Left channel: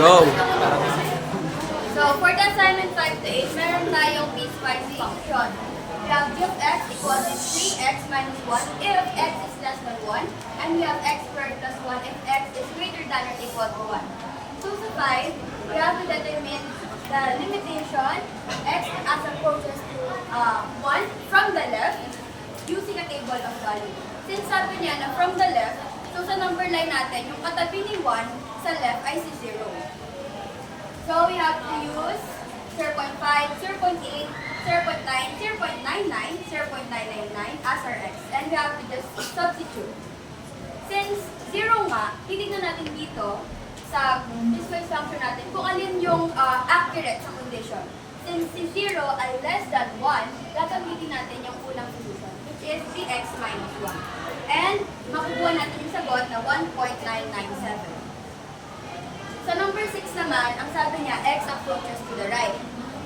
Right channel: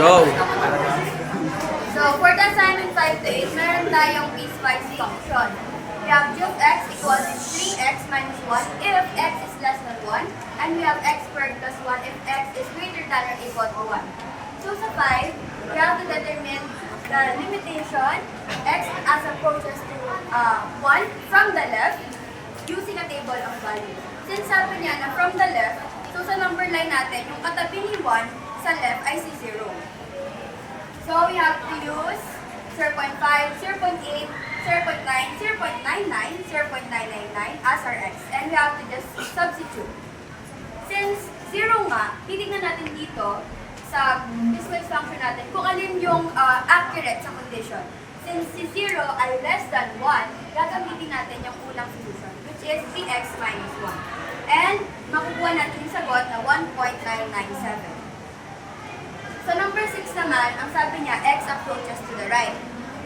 Go! So, for the assignment 5 to 8, meron tayong piecewise function. We have g of x equals 3x minus 1 if x is less than 1, and we have x squared plus 1 if x is greater than or equal to 1. So, sa 5, we have to determine the limitation x as approaches to 1 from the left using a table of values. Since sabi niya na from the left, so sa number line natin, yung katabi ni 1 sa left ay si 0. So we have to use 0.5, 0.8, 0.9, 0.99, 0.999 as our x. And we have to just substitute. Since 0 nga, titignan natin dito sa piecewise function natin kung alin yung accurate sa condition. Since si 0 ay less than 1, gagamitin natin yung unang solution, which is bx minus 1. And makukuha natin yung sagot na 1.997. So number 6 naman, ang sabi niya, x approaches to the right.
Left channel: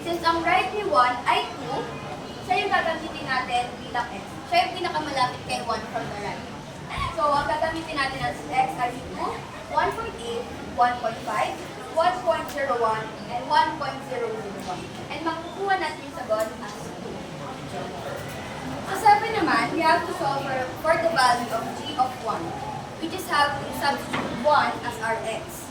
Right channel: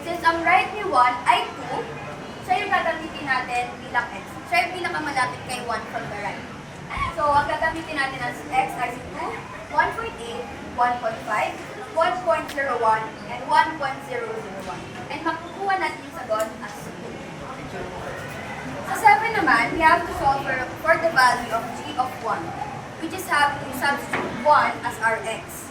Since ang right ni 1 ay 2, siya yung gagamitin natin bilang x. Siya yung pinakamalapit kay 1 from the right. So ang gagamitin natin as x ay 2, 1.8, 1.5, 1.01, and 1.001. And makukuha natin yung sagot as 2. Sa 7 naman, we have to solve for the value of g of 1. We just have to substitute 1 as our x.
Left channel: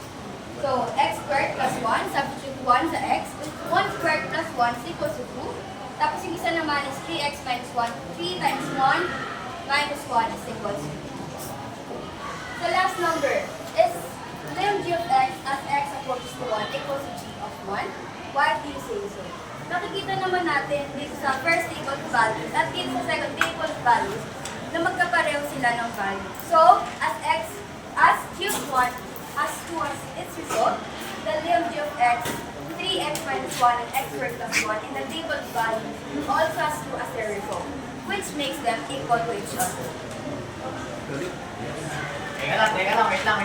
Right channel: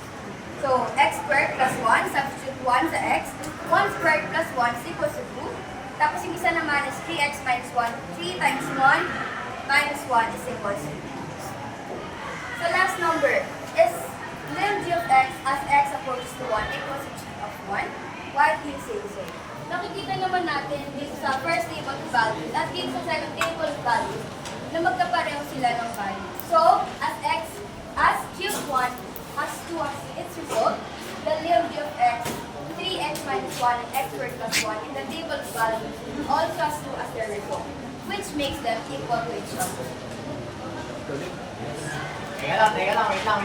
So, x squared plus 1, substitute 1 sa x. 1 squared plus 1 is equals to 2. Tapos yung isa naman is 3x minus 1. 3 times 1 minus 1 is equals to 2. So, last number is lim g of x as x approaches to 1 equals to g of 1. Why do you say so? Nakikita naman natin dito sa first table of values at dito sa second table of values na magkapareho sila ng value. So, as g of 1 has 2 as its result, the lim g of x, 3x minus 1 and x squared plus 1 in the table of values also has 2 as their result, which makes them equal to each other. Teka lang, wait lang.